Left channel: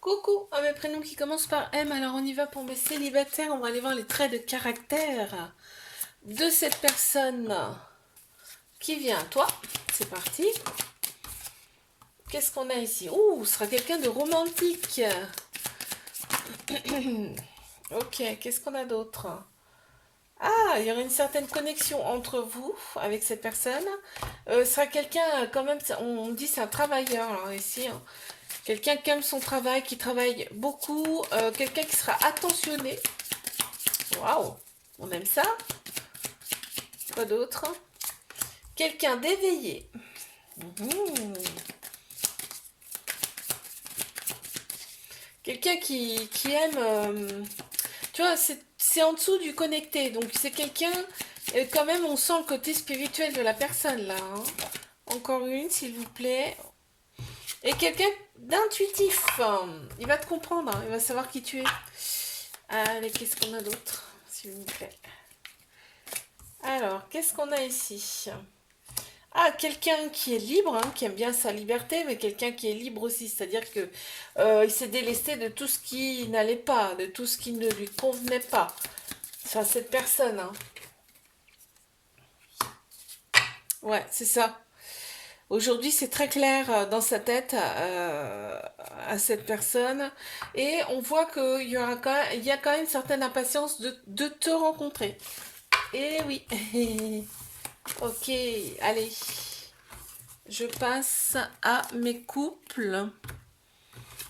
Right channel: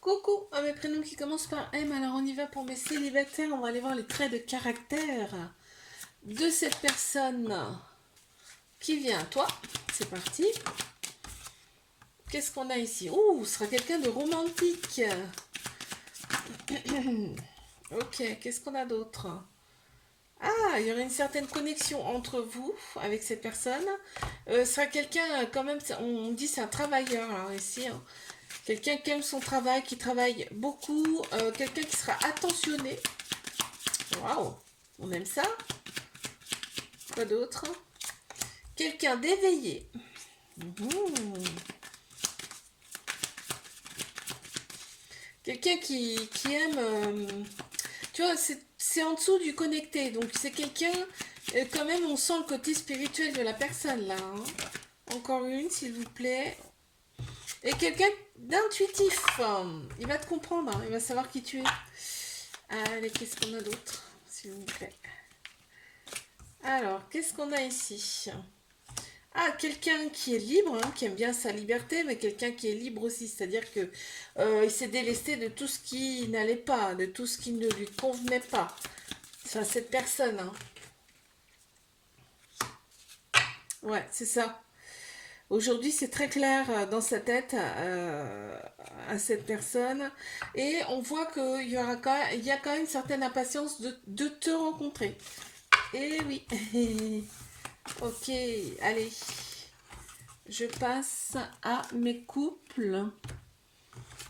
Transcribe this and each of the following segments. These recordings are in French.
Coucou à mes prénoms qui commencent par M. Alors on y va pour mes célibataires. On va aller voir les traits de caractère de cette personne qui vient à toi. C'est parti. Qu'est-ce qu'on a ici? Ouh, ce sera quelqu'un de romantique. Ok, qu'est-ce qu'on a d'autre? Ah, il y aura une certaine connexion entre vous avec cette personne. Ce sera quelqu'un quand même, on dit c'est un travailleur alors ici, hein. Quelqu'un qui aime son travail, qui travaille beaucoup, quelqu'un qui sera attentionné. Waouh, on aime ça. Quoi d'autre? Quelqu'un d'éveillé. Mhm. Quelqu'un qui aime... tu vois, c'est en dessous du connecté. Donc c'est quelqu'un... quand même, on sent le côté spirituel de la personne là, hein. Encore une, s'il vous plaît. Et quelqu'un d'intuitif. Il va te comprendre, hein, il va savoir qui tu es. Allez, qu'est-ce qu'on a d'autre, s'il vous plaît? Alors, qu'est-ce qu'on a ici? Ah, quelqu'un qui est libre, hein, qui aime bien sa liberté, mais quelqu'un qui est libre aussi, c'est-à-dire que il s'est délesté de tout ce qui n'allait pas, de tout ce qui ne lui convenait pas. Enfin, cette personne, hein. Ouais, c'est ça. Aujourd'hui, c'est très clair dans sa tête à cette personne, et on voit qu'il y aura il y a quand même une certaine impatience de te rencontrer. Et oui. Ok, allez. Je passe à mes couples.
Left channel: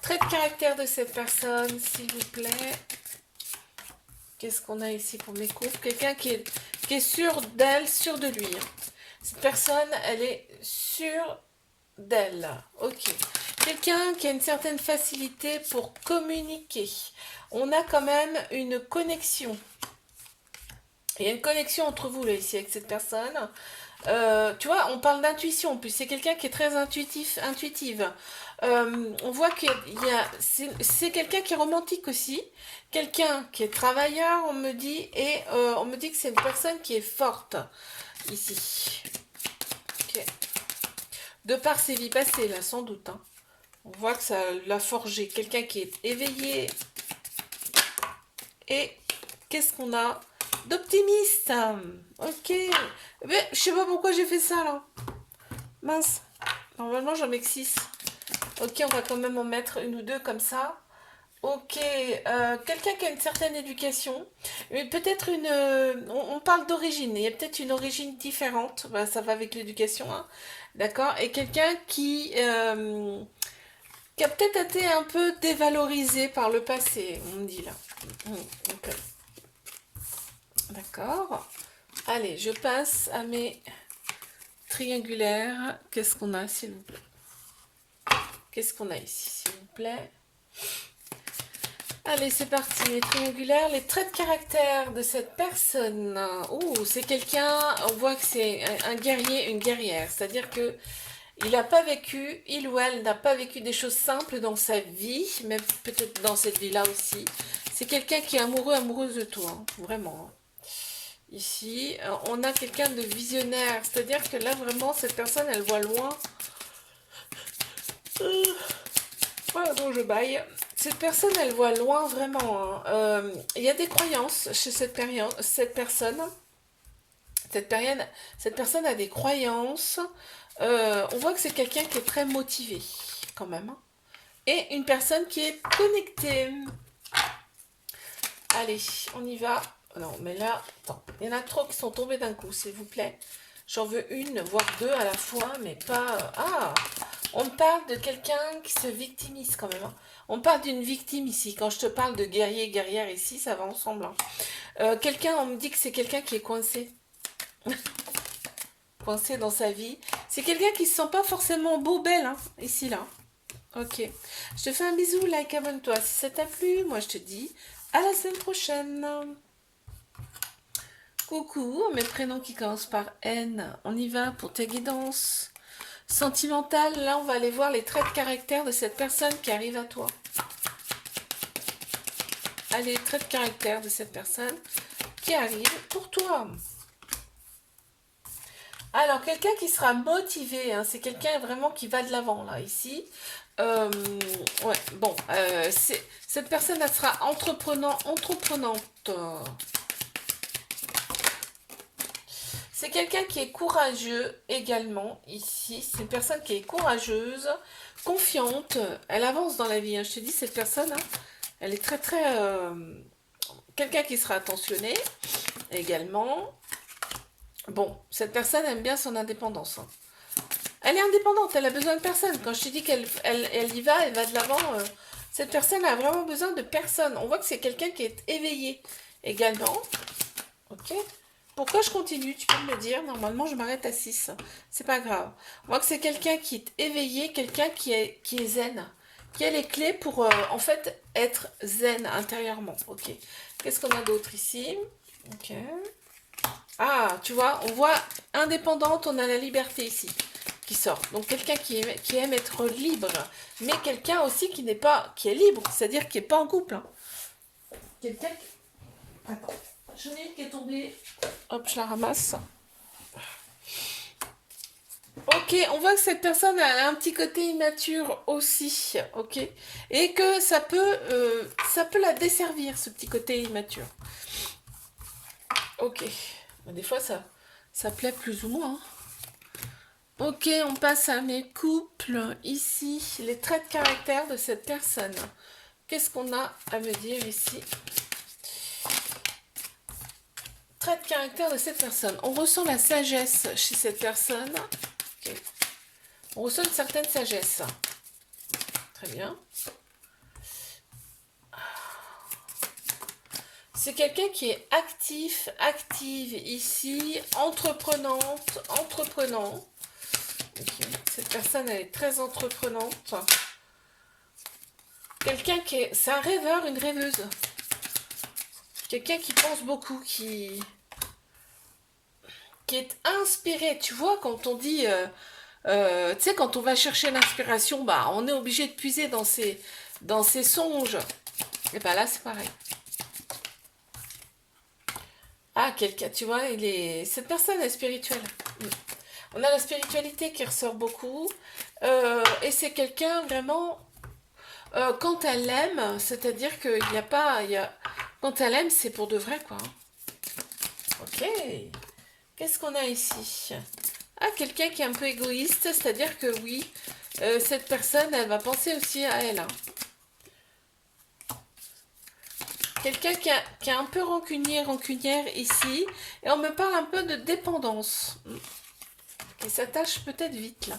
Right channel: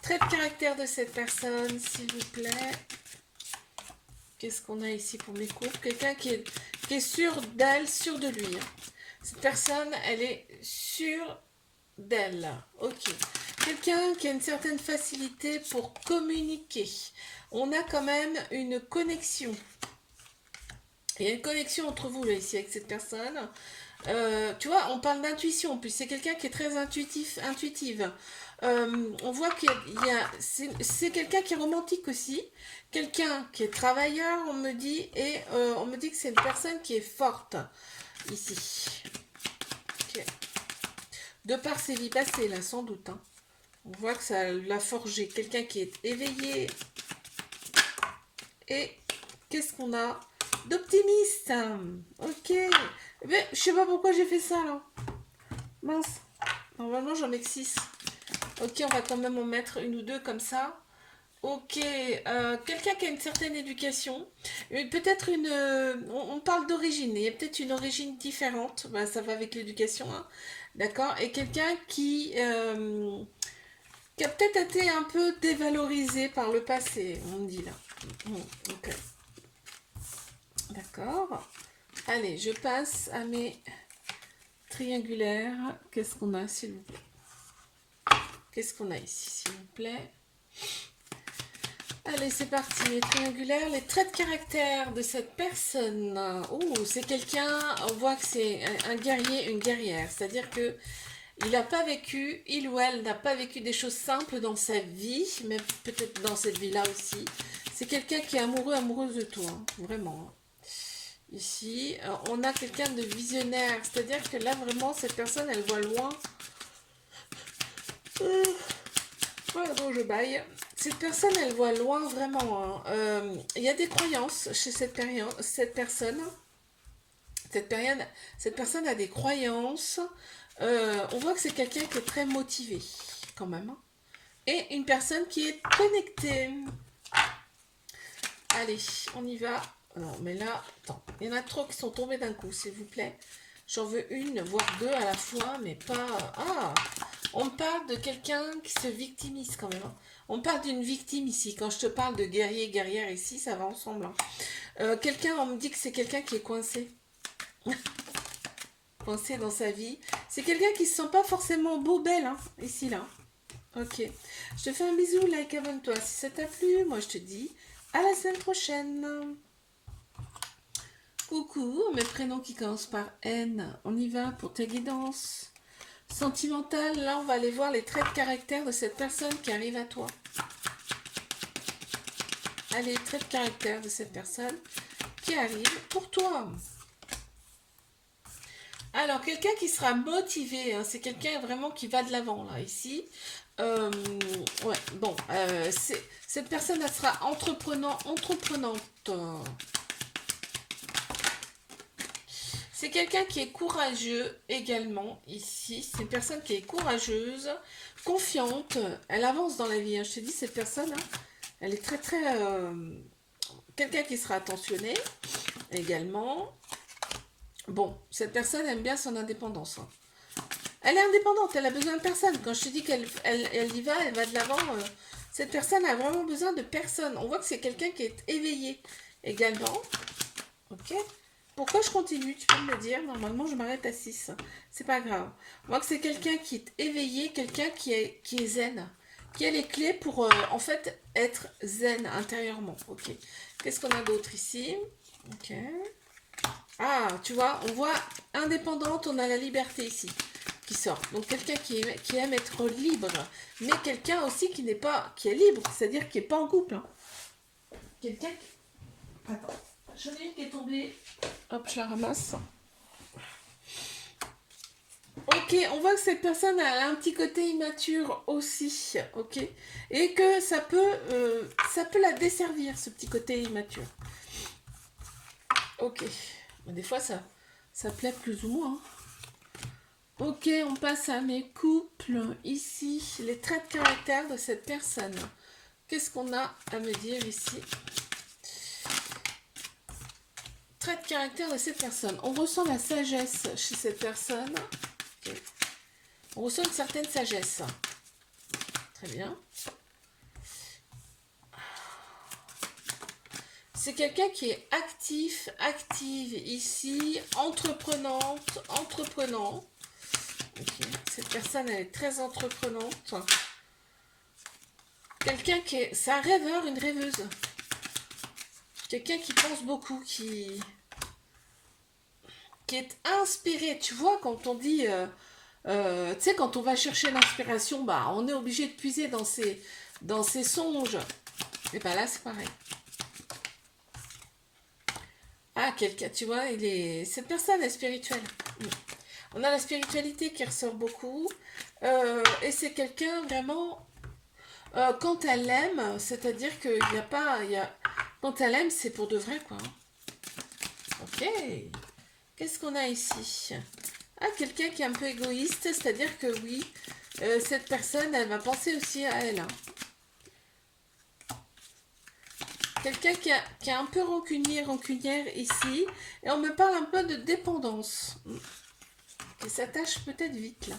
Trait de caractère de cette personne, s'il vous plaît. Qu'est-ce qu'on a ici pour mes couples? Quelqu'un qui est sûr d'elle, sûr de lui, hein. Cette personne, elle est sûre d'elle. Ok. Quelqu'un qui a une certaine facilité pour communiquer. On a quand même une connexion. Il y a une connexion entre vous là ici avec cette personne. Tu vois, on parle d'intuition, puis c'est quelqu'un qui est très intuitive. On voit qu'il y a, c'est quelqu'un qui est romantique aussi, quelqu'un qui est travailleur, on me dit, et on me dit que c'est une personne qui est forte ici. Ok. De par ses vies passées, là, sans doute, hein. On voit que ça l'a forgé. Quelqu'un qui est éveillé. Et qu'est-ce qu'on a d'optimiste? Ok. Mais je sais pas pourquoi j'ai fait ça, là. Mince. Normalement, j'en mets que 6. Ok, on va quand même en mettre une ou deux comme ça. Ok, quelqu'un qui a une certaine éducation, peut-être une... on parle d'origine, il y a peut-être une origine différente, bah, ça va avec l'éducation, hein. D'accord. Et quelqu'un qui a peut-être été un peu dévalorisé par le passé, on me dit là. Ok. D'accord. Allez, je passe à mes triangulaires. Qu'est-ce qu'on a, s'il vous plaît? Qu'est-ce qu'on a ici, s'il vous plaît? Allez, c'est parti, les triangulaires, les traits de caractère de cette personne. Oh, c'est quelqu'un, on voit que c'est un guerrier, une guerrière. C'est-à-dire que il n'a pas vécu, il ou elle n'a pas vécu des choses simples dans sa vie, mais peut-être dans cette vie-là aussi. C'est quelqu'un qui est amoureux, amoureuse de toi, hein, vraiment. Ici, on a quelqu'un de visionnaire, c'est-à-dire que là, vraiment, cette personne, elle voit loin. Voilà, donc je baille. Cette personne, elle voit loin vraiment, hein. Il y a des croyances chez cette personne. Cette personne a des croyances. On voit que c'est quelqu'un qui est très motivé, quand même, hein. Et une personne qui est connectée. Allez, on y va. Non, mais là, attends, il y en a trop qui sont tombés d'un coup, s'il vous plaît. J'en veux une, voire deux à la fois, mais pas... Ah, on parle de quelqu'un qui se victimise quand même, hein. On parle d'une victime ici. Quand je te parle de guerrier, guerrière ici, ça va ensemble, hein. Quelqu'un, on me dit que c'est quelqu'un qui est coincé. Coincé dans sa vie. C'est quelqu'un qui se sent pas forcément beau, belle, hein, ici, là. Ok. Je te fais un bisou, like, abonne-toi. Si ça t'a plu, moi je te dis à la semaine prochaine. Coucou, mes prénoms qui commencent par N. On y va pour tes guidances sentimentales. Là, on va aller voir les traits de caractère de cette personne qui arrive à toi. Allez, traits de caractère de cette personne qui arrive pour toi. Alors, quelqu'un qui sera motivé, hein, c'est quelqu'un vraiment qui va de l'avant, là, ici. Euh, Ouais, bon, cette personne, elle sera entreprenante. C'est quelqu'un qui est courageux également, ici. C'est une personne qui est courageuse, confiante. Elle avance dans la vie, hein. Je te dis, cette personne, hein, elle est très, très... quelqu'un qui sera attentionné également. Bon, cette personne aime bien son indépendance, hein. Elle est indépendante, elle a besoin de personne. Quand je te dis qu'elle y va, elle va de l'avant. Cette personne a vraiment besoin de personne. On voit que c'est quelqu'un qui est éveillé également. Ok. Pourquoi je continue? Tu peux me le dire. Normalement, je m'arrête à 6. C'est pas grave. On voit que c'est quelqu'un qui est éveillé, quelqu'un qui est zen, qui a les clés pour en fait être zen intérieurement. Ok. Qu'est-ce qu'on a d'autre ici? Ok. Ah, tu vois, on voit indépendante, on a la liberté ici qui sort. Donc quelqu'un qui aime être libre, mais quelqu'un aussi qui n'est pas, qui est libre, c'est-à-dire qui n'est pas en couple, hein. Quelqu'un qui... Attends, j'en ai une qui est tombée. Hop, je la ramasse. Ok, on voit que cette personne a un petit côté immature aussi, ok, et que ça peut la desservir, ce petit côté immature. Ok, des fois ça plaît plus ou moins, hein. Ok, on passe à mes couples. Ici, les traits de caractère de cette personne. Qu'est-ce qu'on a à me dire ici? Traits de caractère de cette personne. On ressent la sagesse chez cette personne. Okay. On ressent une certaine sagesse. Très bien. C'est quelqu'un qui est active ici, entreprenant. Okay. Cette personne, elle est très entreprenante. Quelqu'un qui est... C'est un rêveur, une rêveuse. Quelqu'un qui pense beaucoup, qui est inspiré. Tu vois, quand on dit... tu sais, quand on va chercher l'inspiration, bah, on est obligé de puiser dans ses songes. Et bah là, c'est pareil. Ah, quelqu'un, tu vois, cette personne est spirituelle. On a la spiritualité qui ressort beaucoup. Et c'est quelqu'un vraiment... quand elle aime, c'est-à-dire qu'il n'y a pas... Quand elle aime, c'est pour de vrai, quoi. Ok. Qu'est-ce qu'on a ici? Ah, quelqu'un qui est un peu égoïste, c'est-à-dire que oui, cette personne, elle va penser aussi à elle, hein. Quelqu'un qui est un peu rancunière ici, et on me parle un peu de dépendance. Qui s'attache peut-être vite, là.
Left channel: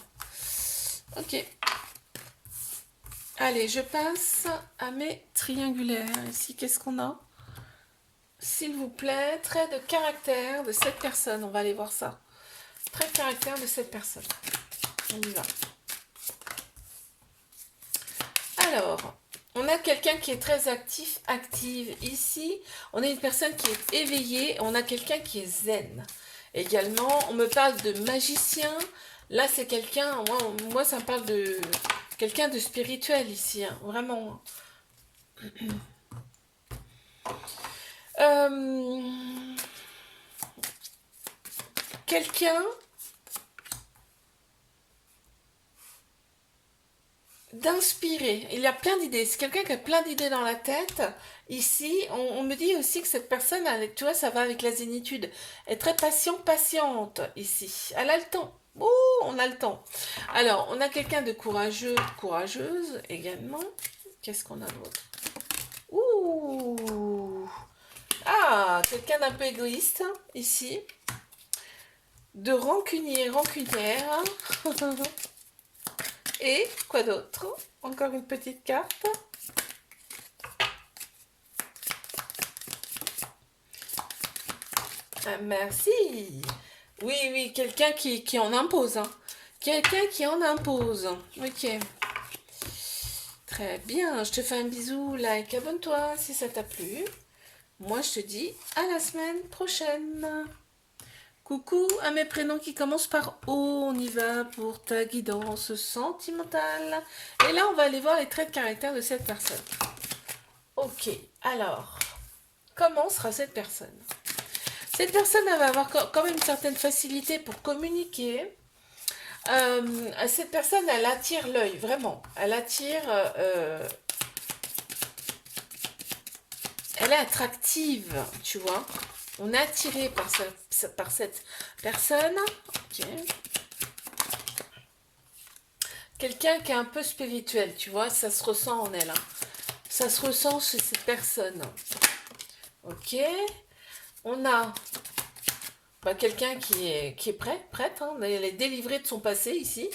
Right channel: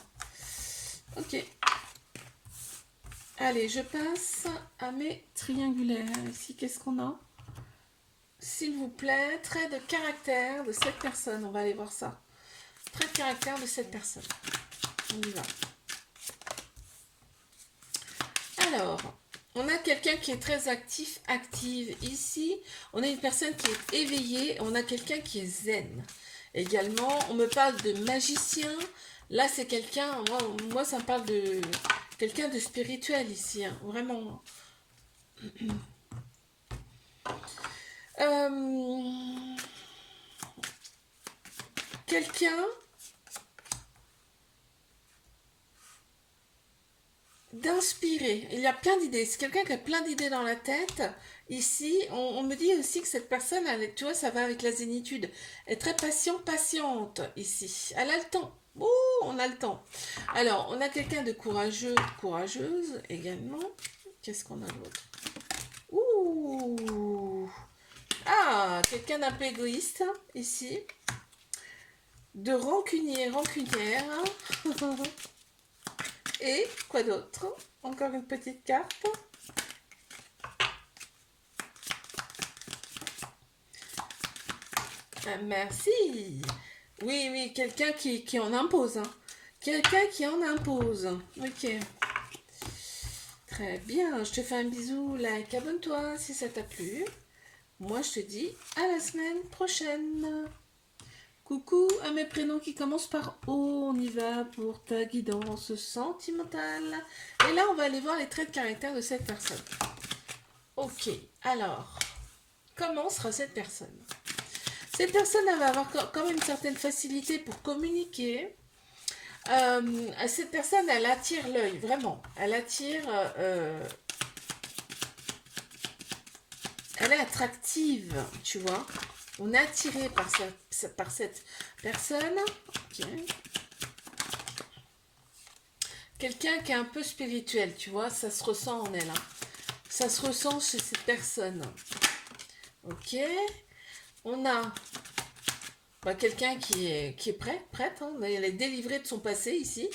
Ok. Allez, je passe à mes triangulaires. Ici, qu'est-ce qu'on a? S'il vous plaît, trait de caractère de cette personne. On va aller voir ça. Trait de caractère de cette personne. On y va. Alors, on a quelqu'un qui est très active ici. On a une personne qui est éveillée. On a quelqu'un qui est zen. Également, on me parle de magicien. Là, c'est quelqu'un, moi, ça me parle de quelqu'un de spirituel ici, hein, vraiment. Quelqu'un d'inspiré. Il y a plein d'idées. C'est quelqu'un qui a plein d'idées dans la tête. Ici, on me dit aussi que cette personne, tu vois, ça va avec la zénitude. Elle est très patiente ici. Elle a le temps. Oh, on a le temps. Alors, on a quelqu'un de courageuse également. Qu'est-ce qu'on a d'autre? Ouh. Ah, quelqu'un d'un peu égoïste ici. De rancunière. Et quoi d'autre? Encore une petite carte. Ah, merci. Oui, quelqu'un qui en impose, hein. Quelqu'un qui en impose. Ok. Très bien. Je te fais un bisou, like, abonne-toi si ça t'a plu. Moi, je te dis à la semaine prochaine. Coucou à mes prénoms qui commencent par O. On y va pour ta guidance sentimentale. Et là, on va aller voir les traits de caractère de cette personne. Ok. Alors, comment sera cette personne? Cette personne, elle va avoir quand même une certaine facilité pour communiquer. Cette personne, elle attire l'œil, vraiment. Elle est attractive, tu vois. On est attiré par cette personne. Ok. Quelqu'un qui est un peu spirituel, tu vois, ça se ressent en elle. Hein. Ça se ressent chez cette personne. Ok. On a quelqu'un qui est prête, hein, elle est délivrée de son passé ici.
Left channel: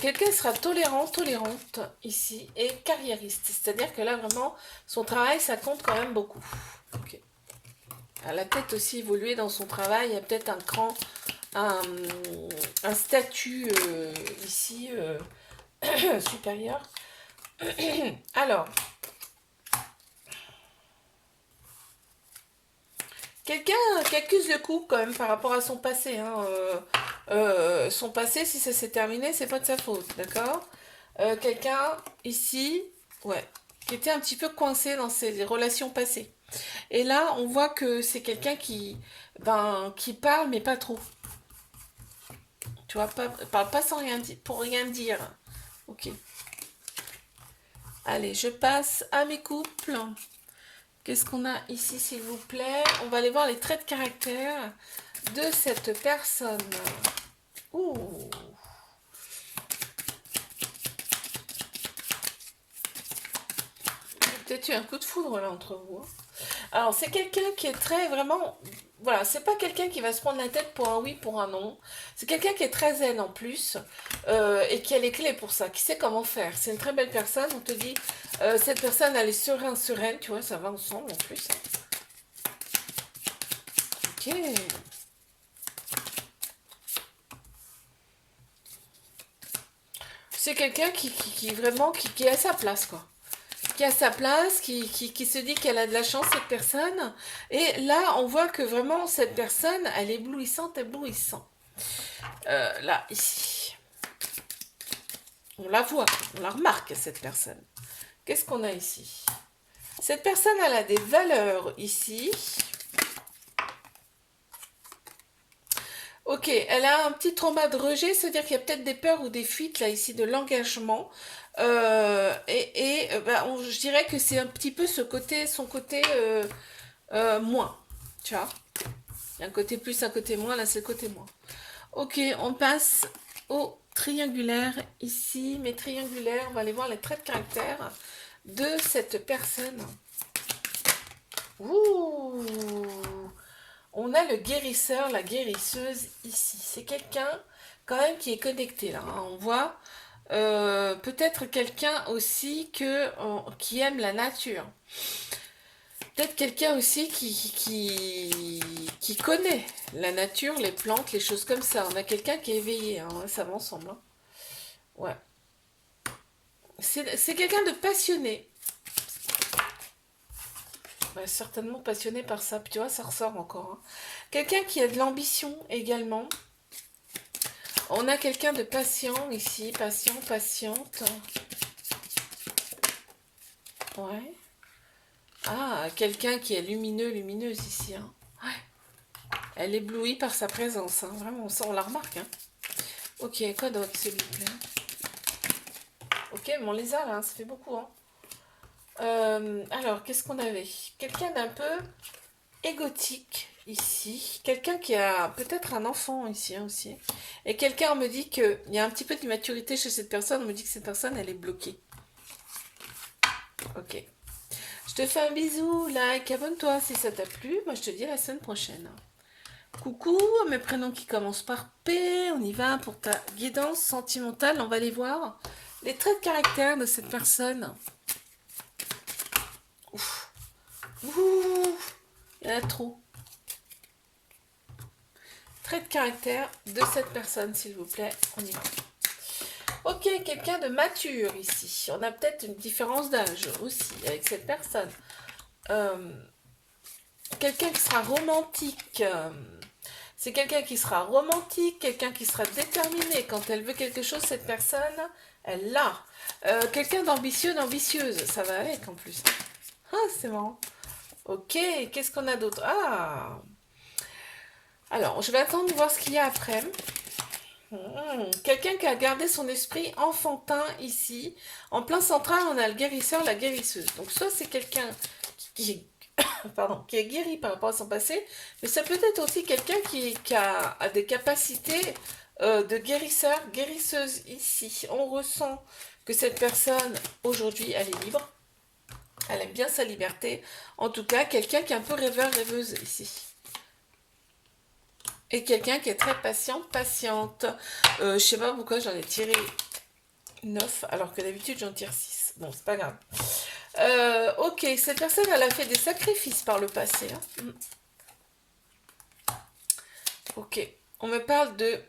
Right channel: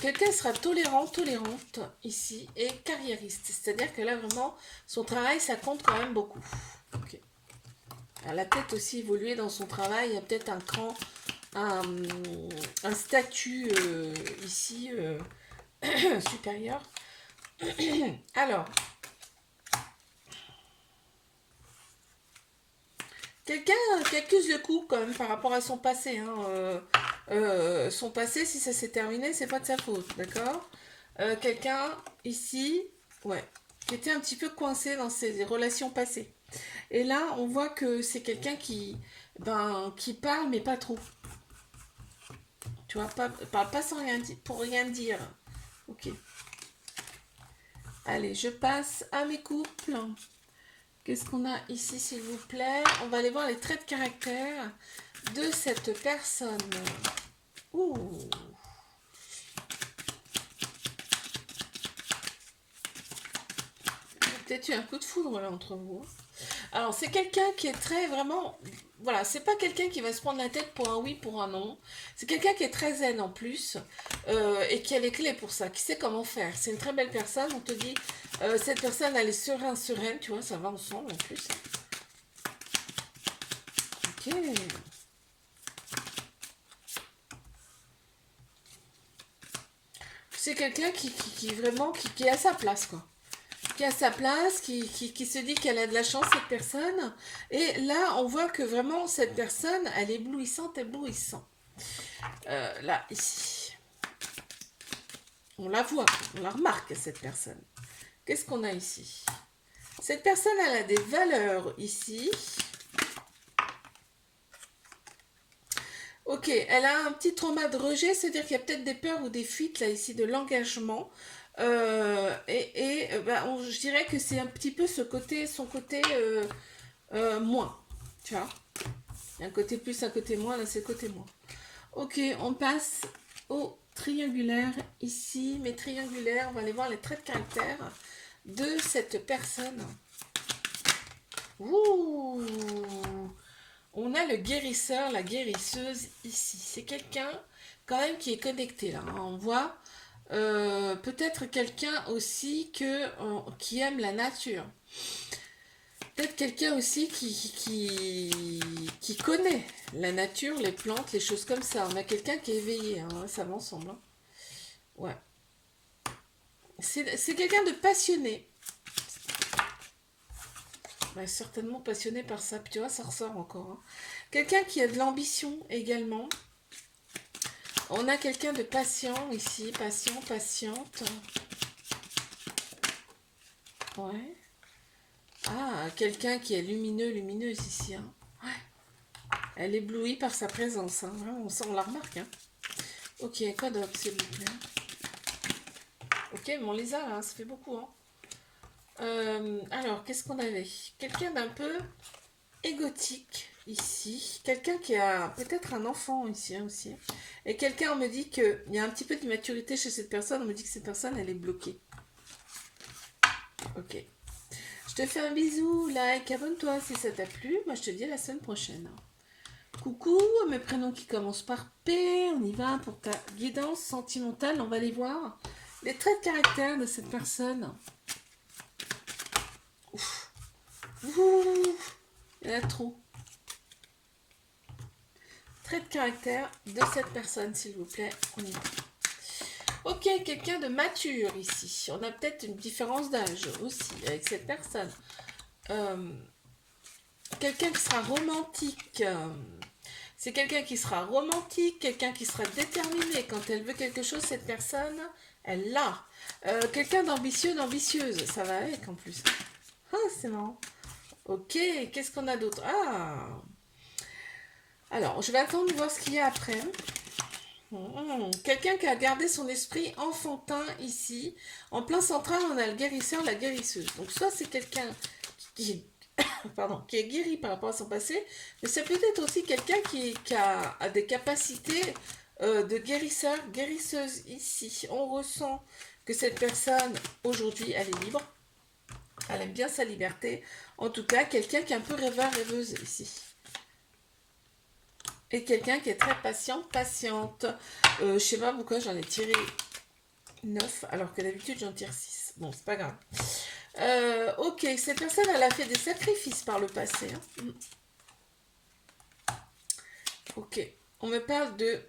Quelqu'un sera tolérante ici, et carriériste. C'est-à-dire que là, vraiment, son travail, ça compte quand même beaucoup. Ok. Elle a peut-être aussi évolué dans son travail, il y a peut-être un, un statut ici supérieur. Alors, quelqu'un qui accuse le coup quand même par rapport à son passé. Hein, son passé, si ça s'est terminé, c'est pas de sa faute, d'accord. Quelqu'un ici, ouais, qui était un petit peu coincé dans ses relations passées. Et là, on voit que c'est quelqu'un qui parle, mais pas trop. Tu vois, parle pas sans rien dire, pour rien dire. Ok. Allez, je passe à mes couples. Qu'est-ce qu'on a ici, s'il vous plaît? On va aller voir les traits de caractère de cette personne. Ouh. Peut-être eu un coup de foudre là entre vous. Alors, c'est quelqu'un qui est très vraiment. Voilà, c'est pas quelqu'un qui va se prendre la tête pour un oui, pour un non. C'est quelqu'un qui est très zen en plus et qui a les clés pour ça, qui sait comment faire. C'est une très belle personne. On te dit, cette personne, elle est sereine, tu vois, ça va ensemble en plus. Ok. C'est quelqu'un qui vraiment qui est à sa place, quoi. Qui a sa place, qui se dit qu'elle a de la chance, cette personne. Et là, on voit que vraiment, cette personne, elle est éblouissante. Là, ici. On la voit, on la remarque, cette personne. Qu'est-ce qu'on a ici? Cette personne, elle a des valeurs ici. Ok, elle a un petit trauma de rejet, c'est-à-dire qu'il y a peut-être des peurs ou des fuites, là, ici, de l'engagement. Je dirais que c'est un petit peu son côté moins, tu vois. Il y a un côté plus, un côté moins, là, c'est le côté moins. Ok, on passe au triangulaire ici. Mais triangulaire, on va aller voir les traits de caractère de cette personne. Ouh, on a le guérisseur, la guérisseuse ici. C'est quelqu'un quand même qui est connecté là. Hein. On voit peut-être quelqu'un aussi qui aime la nature. Peut-être quelqu'un aussi qui connaît la nature, les plantes, les choses comme ça. On a quelqu'un qui est éveillé, hein, ça va ensemble. Hein. Ouais. C'est quelqu'un de passionné. Ouais, certainement passionné par ça. Puis tu vois, ça ressort encore. Hein. Quelqu'un qui a de l'ambition également. On a quelqu'un de patient ici. Patient, patiente. Ouais. Ah, quelqu'un qui est lumineux, lumineuse ici. Hein. Ouais. Elle éblouit par sa présence. Hein. Vraiment, on la remarque. Hein. Ok, quoi d'autre, s'il vous plaît? Ok, mais on les a là, ça fait beaucoup. Hein. Alors, qu'est-ce qu'on avait? Quelqu'un d'un peu égotique ici. Quelqu'un qui a peut-être un enfant ici hein, aussi. Et quelqu'un me dit qu'il y a un petit peu d'immaturité chez cette personne. On me dit que cette personne, elle est bloquée. Ok. Je te fais un bisou, like, abonne-toi si ça t'a plu. Moi, je te dis à la semaine prochaine. Coucou, mes prénoms qui commencent par P. On y va pour ta guidance sentimentale. On va aller voir les traits de caractère de cette personne. Ouf. Ouf. Il y en a trop. Trait de caractère de cette personne, s'il vous plaît. On y va. Ok, quelqu'un de mature ici. On a peut-être une différence d'âge aussi avec cette personne. Quelqu'un qui sera romantique. C'est quelqu'un qui sera romantique, quelqu'un qui sera déterminé. Quand elle veut quelque chose, cette personne, elle l'a. Quelqu'un d'ambitieux, d'ambitieuse. Ça va avec en plus. Ah, c'est marrant. Ok, qu'est-ce qu'on a d'autre? Ah, alors, je vais attendre de voir ce qu'il y a après. Quelqu'un qui a gardé son esprit enfantin ici. En plein central, on a le guérisseur, la guérisseuse. Donc soit c'est quelqu'un qui, pardon, qui est guéri par rapport à son passé, mais ça peut être aussi quelqu'un qui a des capacités de guérisseur, guérisseuse ici. On ressent que cette personne, aujourd'hui, elle est libre. Elle aime bien sa liberté. En tout cas, quelqu'un qui est un peu rêveur, rêveuse ici. Et quelqu'un qui est très patient, patiente. Je sais pas pourquoi j'en ai tiré 9, alors que d'habitude j'en tire 6. Bon, c'est pas grave. Ok, cette personne, elle a fait des sacrifices par le passé. Hein. Ok, on me parle de...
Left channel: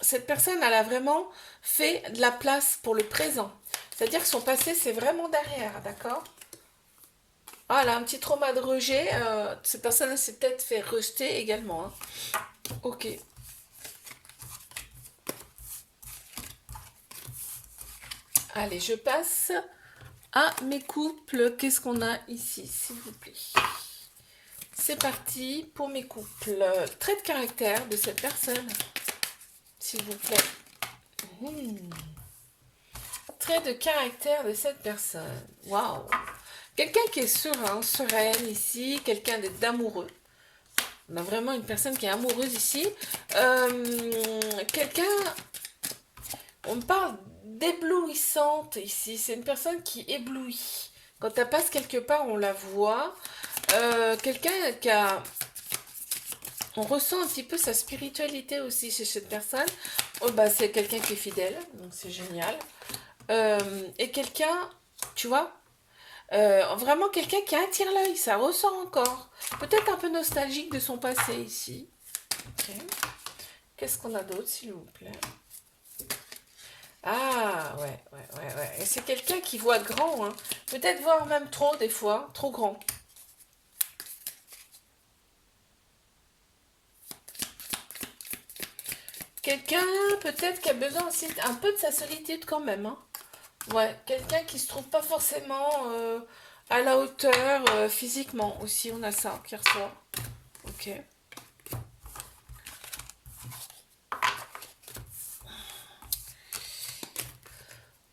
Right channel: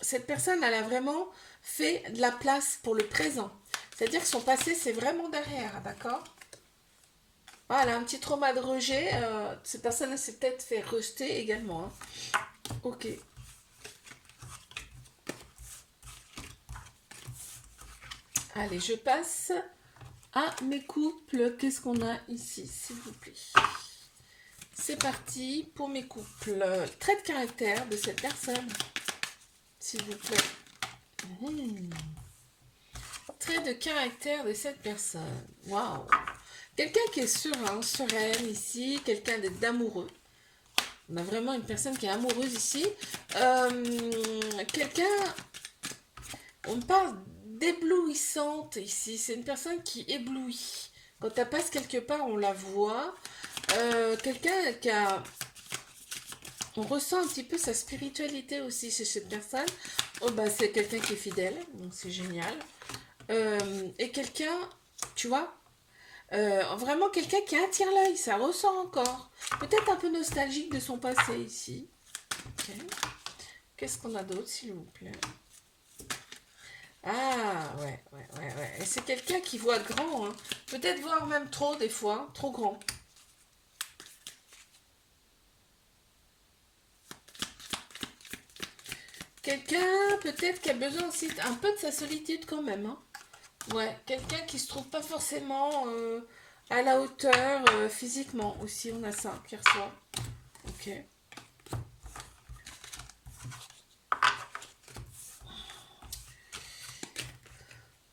Cette personne, elle a vraiment fait de la place pour le présent. C'est-à-dire que son passé, c'est vraiment derrière, d'accord? Ah, elle a un petit trauma de rejet. Cette personne, elle s'est peut-être fait rejeter également. Hein. Ok. Allez, je passe à mes couples. Qu'est-ce qu'on a ici, s'il vous plaît? C'est parti pour mes couples. Trait de caractère de cette personne, s'il vous plaît. Trait de caractère de cette personne. Waouh. Quelqu'un qui est serein, sereine ici. Quelqu'un d'amoureux. On a vraiment une personne qui est amoureuse ici. Quelqu'un... On me parle d'éblouissante ici. C'est une personne qui éblouit. Quand elle passe quelque part, on la voit. Quelqu'un qui a... On ressent un petit peu sa spiritualité aussi chez cette personne. Oh, bah, c'est quelqu'un qui est fidèle, donc c'est génial. Et quelqu'un, tu vois, vraiment quelqu'un qui attire l'œil, ça ressort encore. Peut-être un peu nostalgique de son passé ici. Ok. Qu'est-ce qu'on a d'autre, s'il vous plaît? Ah, ouais. Et c'est quelqu'un qui voit grand, hein. Peut-être voir même trop, des fois, trop grand. Quelqu'un, peut-être, qui a besoin aussi un peu de sa solitude quand même, hein. Ouais, quelqu'un qui se trouve pas forcément à la hauteur physiquement aussi, on a ça qui ressort. Ok.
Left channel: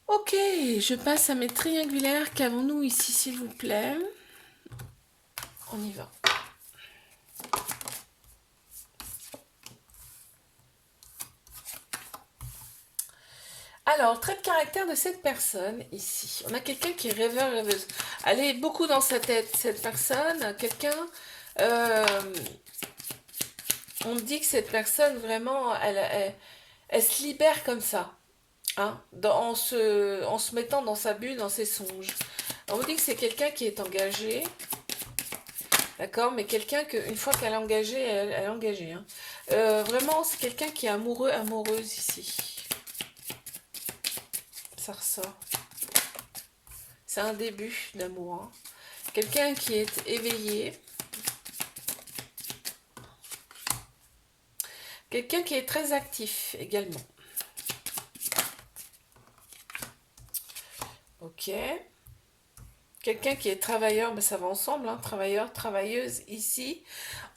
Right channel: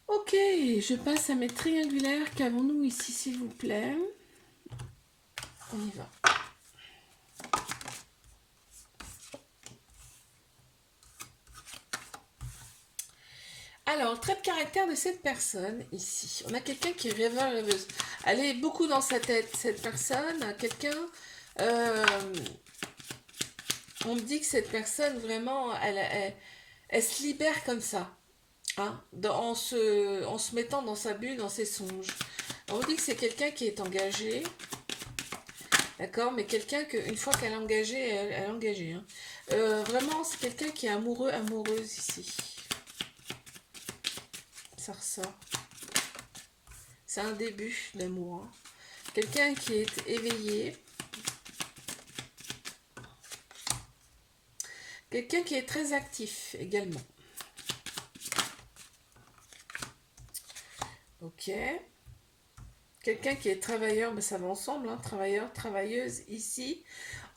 Ok, je passe à mes triangulaires. Qu'avons-nous ici, s'il vous plaît? On y va. Alors, trait de caractère de cette personne ici. On a quelqu'un qui est rêveur, rêveuse. Elle est beaucoup dans sa tête, cette personne. Quelqu'un... on me dit que cette personne, vraiment, elle se libère comme ça. Hein, en se mettant dans sa bulle, dans ses songes. On me dit que c'est quelqu'un qui est engagé. D'accord, mais quelqu'un qu'une fois qu'elle est engagée, elle est engagée. Hein. Vraiment, c'est quelqu'un qui est amoureux, amoureuse ici. Ça ressort. C'est un début d'amour. Hein. Quelqu'un qui est éveillé. Quelqu'un qui est très actif également. Ok. Quelqu'un qui est travailleur, ben ça va ensemble, hein, travailleur, travailleuse ici.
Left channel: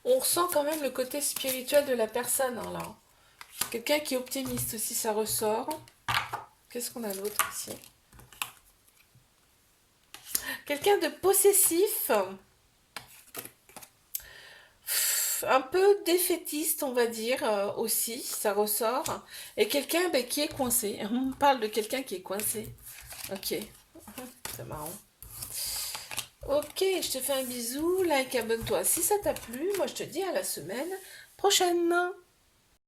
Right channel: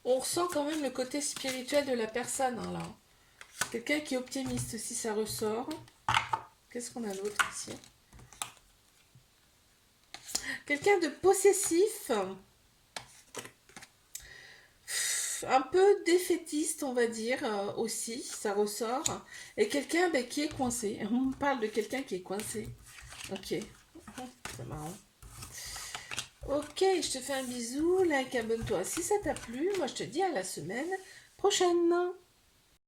On ressent quand même le côté spirituel de la personne, hein, là. Quelqu'un qui est optimiste aussi, ça ressort. Qu'est-ce qu'on a d'autre ici? Quelqu'un de possessif. Un peu défaitiste, on va dire, aussi, ça ressort. Et quelqu'un qui est coincé. On parle de quelqu'un qui est coincé. Ok. C'est marrant. Ok, je te fais un bisou, like, abonne-toi si ça t'a plu. Moi, je te dis à la semaine prochaine.